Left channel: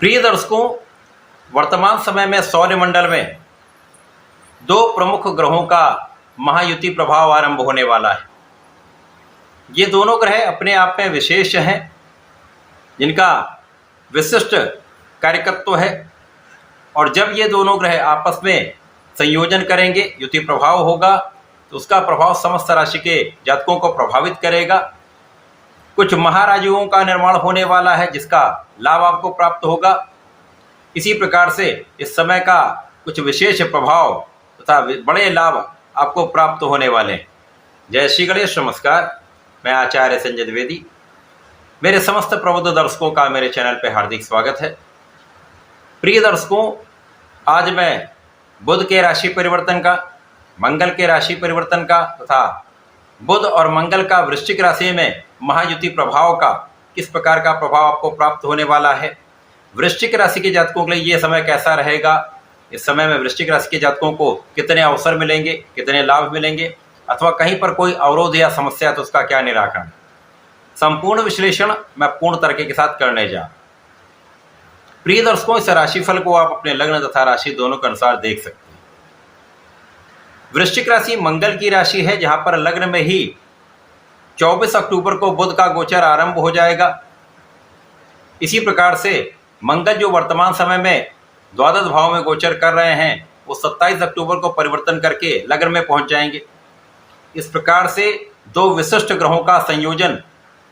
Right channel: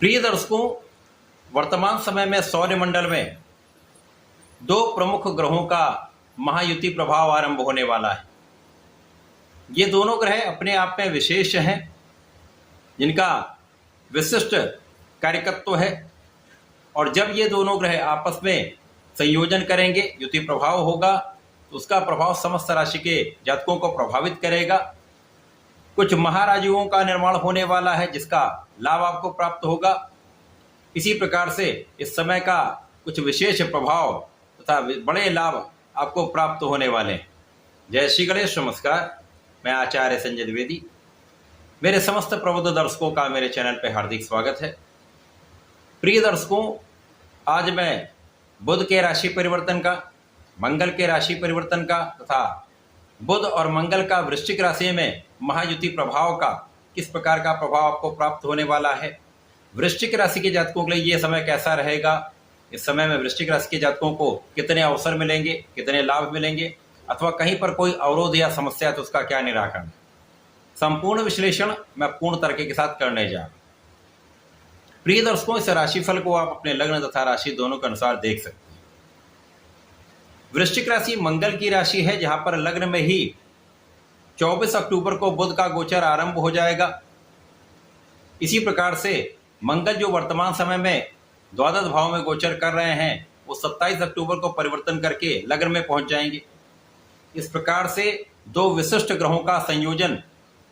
प्रिय दर्शकों, वर्तमान समय में सौरमंडल में दो प्रमुख ग्रहों का महायुति प्रभाव आरंभ होने वाला है। ये दोनों ग्रह अपने आप में विशेष हैं, जिनका विशिष्ट कार्यकत्व है। और जब ये दोनों ग्रह आपस में संयोजन करेंगे, युति प्रभाव होगा, तो उसका प्रभाव समस्त राशि के जातकों को प्रभावित करेगा। कुछ महाराजुओं का निर्माण होने वाला है, जिसका लाभ आपको प्राप्त होगा। इसी प्रकार से इस समय का कुछ विशेष प्रभाव तथा बड़े लाभ आपको प्राप्त होने वाले हैं। जय श्री गणेश, नमस्कार। मैं आचार्य संजय द्विवेदी। मेरे समस्त प्रबुद्ध दर्शकों का मेरे चैनल पर हार्दिक स्वागत है। प्रिय दर्शकों, आज मैं बुध के राशि परिवर्तन का, मंगल के राशि परिवर्तन का तथा बुध और मंगल का वृश्चिक राशि में महायुति प्रभाव का किस प्रकार का प्रभाव आपको प्राप्त होने वाला है, वृश्चिक राशि के जातकों के लिए यह समय कैसा रहेगा, इस समय में वृश्चिक राशि के जातकों को कितने अवसर मिलेंगे, कितने लाभ मिलेंगे, अथवा कहीं पर कोई अवरोध या समस्या तो उसका क्या निराकरण, संपूर्ण विश्लेषण मैं पूर्ण तरीके के साथ करने जा रहा हूं। प्रिय दर्शकों, इस राशिफल को आप अपने लग्न तथा राशि दोनों के अनुसार देख सकते हैं। वृश्चिक राशि मंगल की राशि है, जहां पर लग्न में ही 24 अक्टूबर को बुध का गोचर आरंभ हो जाएगा। इसी प्रकार से मंगल जो वर्तमान समय में द्वादश भाव में गोचर कर रहे हैं, वो 27 अक्टूबर को परिवर्तन करके लग्न में पहुंच जाएंगे। इस प्रकार से दो विशिष्ट ग्रहों का संयोजन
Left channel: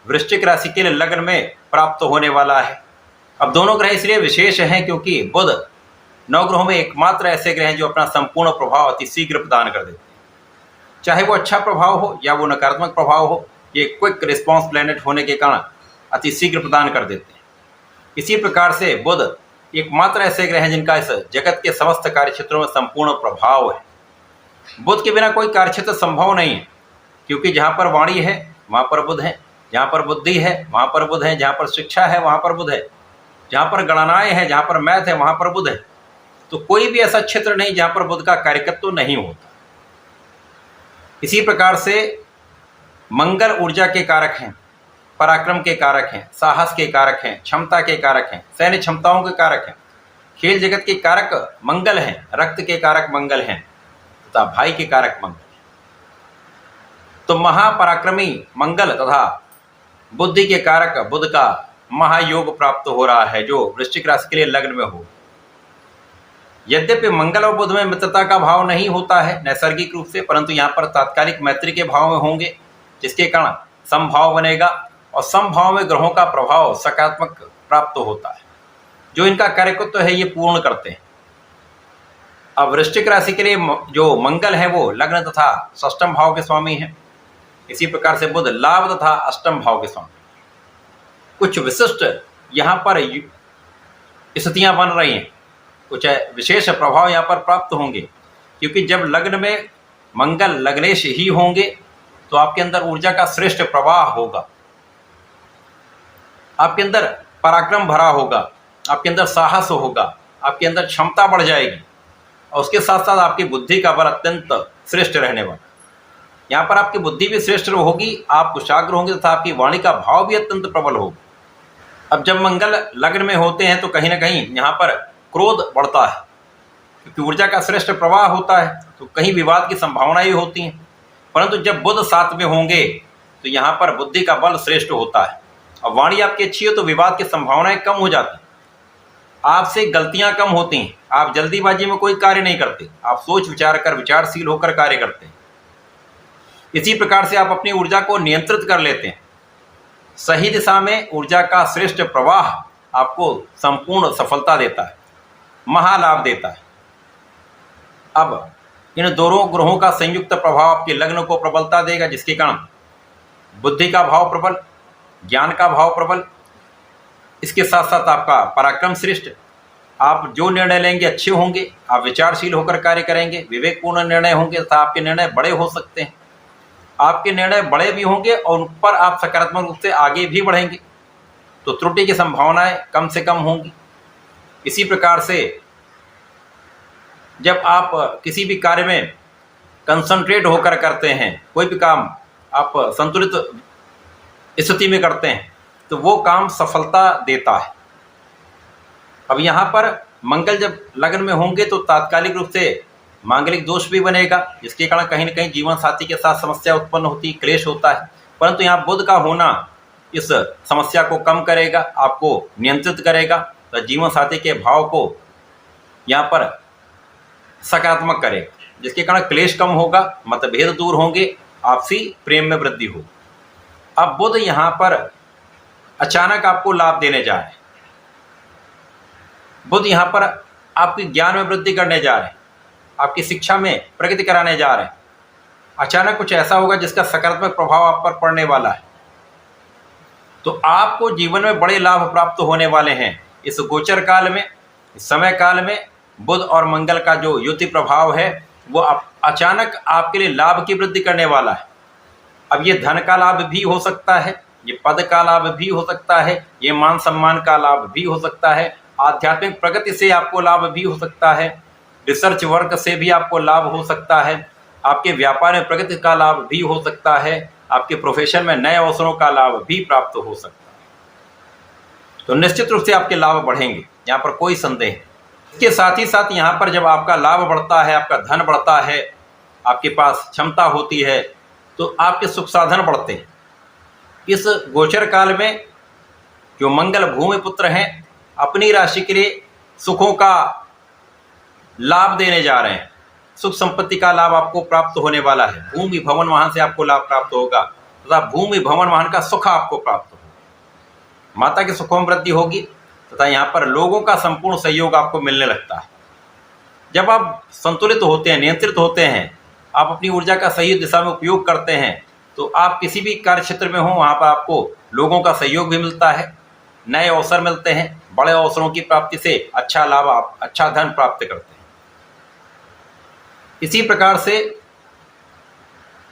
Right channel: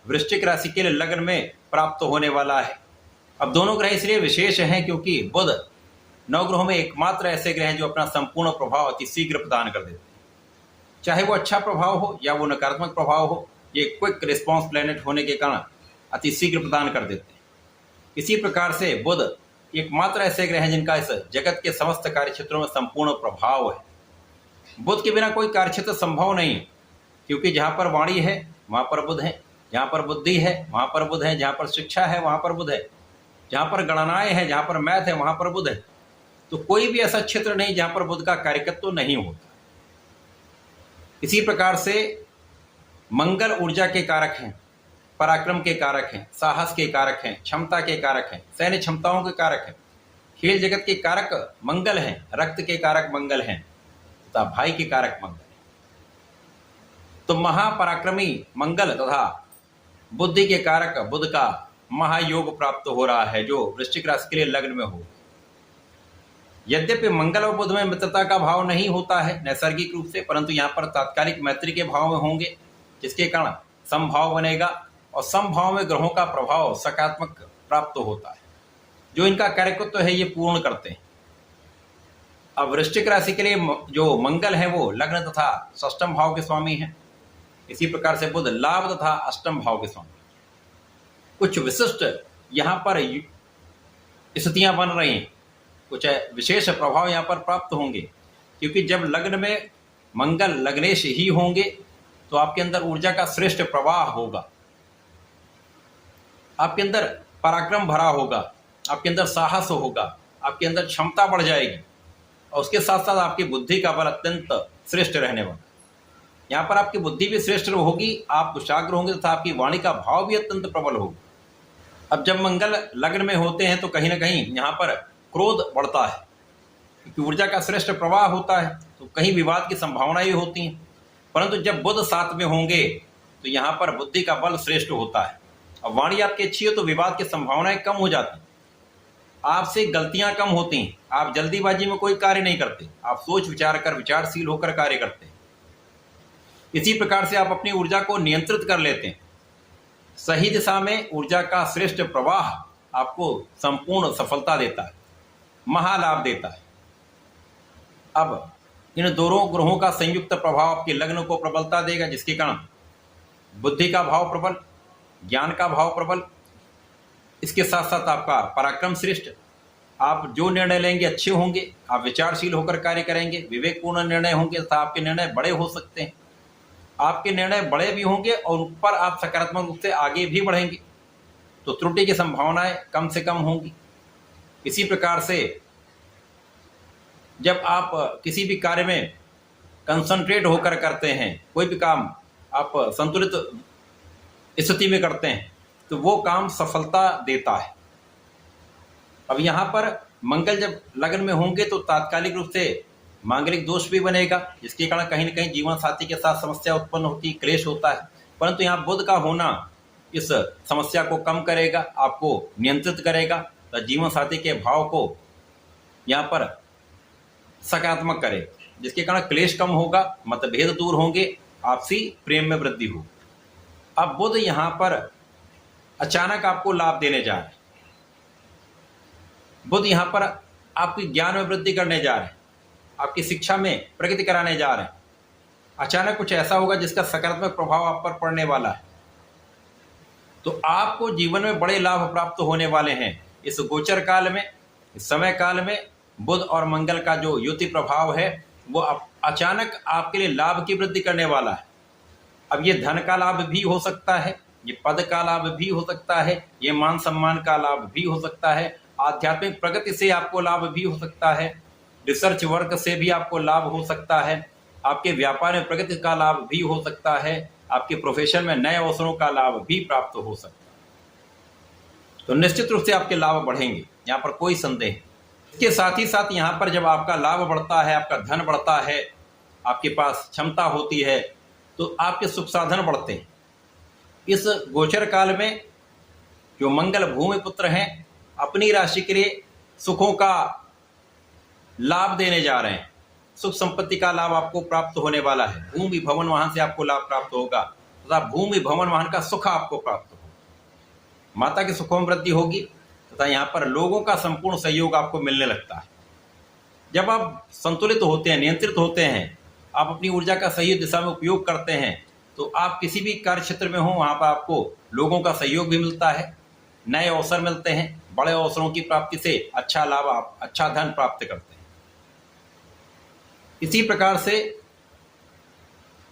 वृश्चिक राशि के लिए लग्न में प्राप्त होने वाला है। अब दोनों ग्रह इसलिए विशेष हैं क्योंकि बुध 9 ग्रहों में एकमात्र ऐसे ग्रह हैं जो अपना संपूर्ण प्रभाव अति शीघ्र प्रदान कर देते हैं। चाहे वो अच्छा प्रभाव हो या वो नकारात्मक प्रभाव हो, ये क्विक रिस्पॉन्स प्लैनेट होने के कारण अति शीघ्र प्रदान कर देते हैं। इसी प्रकार से बुध एकमात्र ऐसे ग्रह हैं जिनका इस जगत के समस्त कार्य क्षेत्रों में संपूर्ण प्रभाव है। बुध के बिना कोई कार्य क्षेत्र संभव नहीं है, क्योंकि जहाँ पर वाणी है वहाँ पर बुध है, जहाँ पर बुद्धि है वहाँ पर बुध है, जहाँ पर शिक्षा है वहाँ पर बुध है, जहाँ पर गणनाएं हैं, जहाँ पर मैथ है वहाँ पर बुध है। तो कोई भी ऐसा क्षेत्र नहीं जहाँ पर बुध का कार्यकत्व नहीं होता। इसी प्रकार से मंगल ऊर्जा के कारक हैं, पराक्रम के कारक हैं, साहस के कारक हैं, क्षमता के कारक हैं, सैन्य क्षमताओं के कारक हैं, खेल जगत के कारक मंगल हैं, रक्त के कारक मंगल हैं तथा भाई के कारक मंगल। तो महापराक्रमी मंगल तथा बुद्धि के कारक बुध का महायोग प्राप्त हो रहा है, जो वृश्चिक राशि के लिए लग्न में हो। यद्यपि मंगल और बुध में मित्रता का भाव नहीं होता है नैसर्गिक रूप से, परंतु यहाँ पर तात्कालिक मैत्री के भाव में होंगे, जिसके कारण समभाव बनेगा और समभाव में ग्रहों का प्रभाव सकारात्मक प्राप्त होता है, जो इनका कार्यकत्व है ये पूर्ण करते हैं। अब वृश्चिक राशि के लिए जो मंगल है वो लग्न तथा षष्ठम भाव के स्वामी हैं। इसी प्रकार से बुध लाभ तथा अष्टम भाव के स्वामी। कुछ विशिष्ट यहाँ पर स्थितियां बन रही हैं, कुछ विशेष प्रभाव यहाँ पर प्राप्त होंगे, क्योंकि जब लग्न में मंगल लग्नेश ही होंगे तो आपके अंदर ऊर्जा का श्रेष्ठ प्रवाह होगा, आपके अंदर पराक्रम भरा होगा, आपके अंदर साहस होगा, आपके अंदर क्षमता बढ़ जाएगी और उसके साथ साथ आपकी बुद्धि का बल अत्यंत श्रेष्ठ रहने वाला। यहाँ पर आपकी बुद्धि भी श्रेष्ठ होगी, आप कुशाग्र होंगे तथा आपकी वाणी का भाव भी अत्यंत प्रबल होगा। अब जब मंगल लग्न में होते हैं तो कहीं ना कहीं यहाँ पर क्रोध बढ़ता है, क्योंकि ऊर्जा का श्रेष्ठ प्रवाह होता है, तो कहीं विवाद की संभावनाएं भी होती हैं। परंतु जब बुध साथ में होंगे तो यहाँ पर बुद्धि का बल श्रेष्ठ होता है और वाणी आपकी अच्छी हो तो विवाद की संभावनाएं कम हो जाती हैं, आपसे गलतियां कम होती हैं, आप जल्दीबाजी में कोई कार्य नहीं करते, आप सोच विचार कर विचारशील होकर कार्य करते हैं। इसी प्रकार से आप अपनी ऊर्जा को नियंत्रित कर लेते हैं। सही दिशा में ऊर्जा का श्रेष्ठ प्रवाह आपको संपूर्ण सफलता देता है, महालाभ देता है। अब इन दोनों ग्रहों का संयुक्त प्रभाव आपके लग्न को प्रबलता देगा, जिसके कारण बुद्धि का भाव प्रबल, ज्ञान का भाव प्रबल, इसके साथ साथ आपका पराक्रम श्रेष्ठ। आप जो निर्णय लेंगे अच्छे होंगे, आप विचारशील होकर कार्य करेंगे, विवेकपूर्ण निर्णय होंगे तथा आपके निर्णय बड़े हो सकते हैं। आपके निर्णय बड़े भी होंगे और उन पर आप सकारात्मक रूप से आगे भी बढ़ेंगे, तो त्रुटि की संभावनाएं कम से कम होंगी। इसी प्रकार से जब आप किसी भी कार्य में कंसंट्रेट होकर करते हैं, कोई भी काम आप संतुलित स्थिति में करते हैं, तो वो काम सफलता देता है। अब यहाँ पर मंगल जब लग्न में होंगे तो तात्कालिक रूप से मांगलिक दोष भी बनेगा, जिसके कारण कहीं न कहीं जीवन साथी के साथ समस्या उत्पन्न होती है, क्लेश होता है। परंतु यहाँ बुध का होना इस समस्या को कम करेगा, आपको नियंत्रित करेगा, तो जीवन साथी के भाव को यहाँ पर सकारात्मक करेगा, जिसके कारण क्लेश कम होगा, मतभेद दूर होंगे, आपसी प्रेम में वृद्धि हो। अब बुध यहाँ पर अचानक आपको लाभ देने जा रहे हैं। बुध यहाँ पर आपके ज्ञान में वृद्धि करने जा रहे हैं, आपकी शिक्षा में प्रगति कराने जा रहे हैं। अचानक कुछ ऐसा होगा जिसका सकारात्मक प्रभाव आप पर पड़ने वाला है, तो आपको जीवन में बड़े लाभ प्राप्त होने वाले हैं। इस गोचर काल में, इस समय काल में बुध और मंगल का जो युति प्रभाव है वो अचानक आपके लिए लाभ की वृद्धि करने वाला है। अब ये धन का लाभ भी हो सकता है, ये पद का लाभ भी हो सकता है, ये मान सम्मान का लाभ भी हो सकता है, आध्यात्मिक प्रगति से आपको लाभ भी हो सकता है, रिसर्च वर्क से भी आपको लाभ हो सकता है, आपके व्यापार में प्रगति का लाभ भी हो सकता है, आपके प्रोफेशन में नए अवसरों का लाभ भी प्राप्त हो सकता है। तो निश्चित रूप से आपके लाभ बढ़ेंगे, यहाँ पर कोई संदेह नहीं। इसके साथ ही साथ यहाँ पर जब आपका लाभ बढ़ता है, आपका धन बढ़ता है, आपके पास क्षमता होती है, तो आपके सुख साधन बढ़ते हैं। इस गोचर काल में जो मंगल भूमि पुत्र हैं, अपनी राशि के लिए सुखों का लाभ देने जा रहे हैं। सुख संपत्ति का लाभ आपको प्राप्त होने वाला है। भूमि भवन वाहन से आपको लाभ प्राप्त होगा, तथा भूमि भवन वाहन का सुख आपको प्राप्त होगा। माता के सुखों में वृद्धि होगी, तथा यहाँ पर लोगों का संपूर्ण सहयोग आपको मिलने लगता है। जब आप संतुलित होते हैं, नियंत्रित होते हैं, आप अपनी ऊर्जा का सही दिशा में उपयोग करते हैं, तो आप किसी भी कार्य क्षेत्र में हो वहाँ पर आपको लोगों का सहयोग भी मिलता है, नए अवसर मिलते हैं, बड़े अवसरों की प्राप्ति से अच्छा लाभ, आप अच्छा धन प्राप्त करते हैं। इसी प्रकार से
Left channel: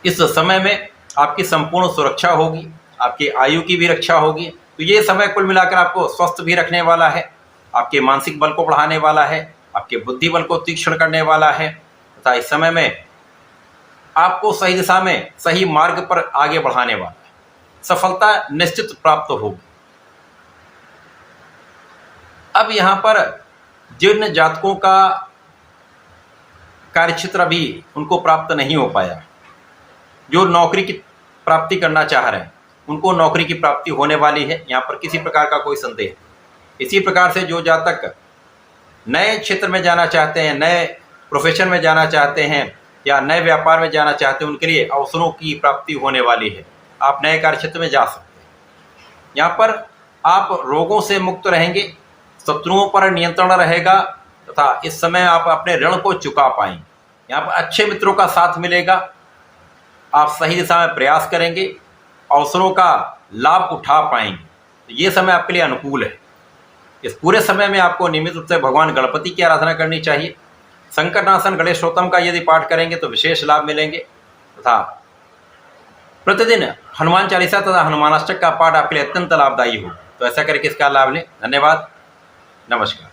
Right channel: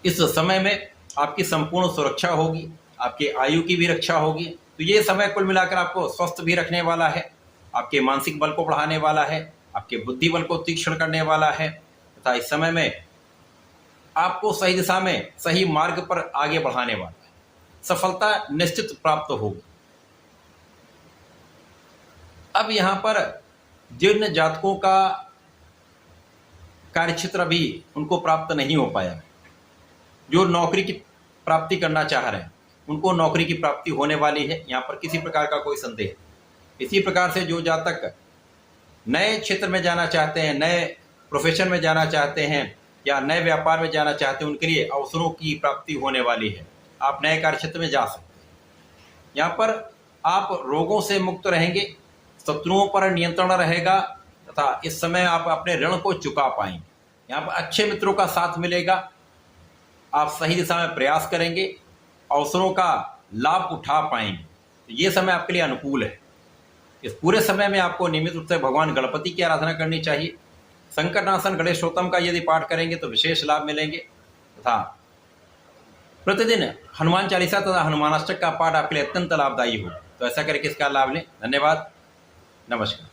इस समय में आपकी संपूर्ण सुरक्षा होगी, आपकी आयु की भी रक्षा होगी। तो ये समय कुल मिलाकर आपको स्वस्थ भी रखने वाला है, आपके मानसिक बल को बढ़ाने वाला है, आपके बुद्धि बल को तीक्ष्ण करने वाला है, तथा इस समय में आपको सही दिशा में, सही मार्ग पर आगे बढ़ाने वाला है। सफलता निश्चित प्राप्त होगी। अब यहाँ पर जिन जातकों का कार्यक्षेत्र अभी उनको प्राप्त नहीं हो पाया, जो नौकरी की प्राप्ति करना चाह रहे हैं, उनको नौकरी की प्राप्ति होने वाली है, यहाँ पर किसी प्रकार का कोई संदेह नहीं। इसी प्रकार से जो जातक नए क्षेत्र में जाना चाहते हैं, नए प्रोफेशन में जाना चाहते हैं, या नए व्यापार में जाना चाहते हैं, उनके लिए अवसरों की प्राप्ति होने वाली है। आप नए कार्य क्षेत्र में जा सकते हैं। यहाँ पर आप रोगों से मुक्त रहेंगे, शत्रुओं पर नियंत्रण रहेगा, तथा इस समय आप अपने ऋण को चुका पाएंगे। यहाँ पर अच्छे मित्रों का साथ मिलेगा, आप सही दिशा में प्रयास करेंगे, अवसरों का लाभ उठा पाएंगे। तो ये समय आपके लिए अनुकूल है। इस पूरे समय में आपको नियमित रूप से भगवान गणपति की आराधना करनी चाहिए। संकटनाशन गणेशोत्तम का यदि पाठ करेंगे तो विशेष लाभ मिलेंगे, तथा प्रतिदिन हनुमान चालीसा तथा हनुमानाष्टक का पाठ आपके लिए अत्यंत लाभदायी हो। तो ऐसा करके इसका लाभ लें। धन्यवाद, नमस्कार।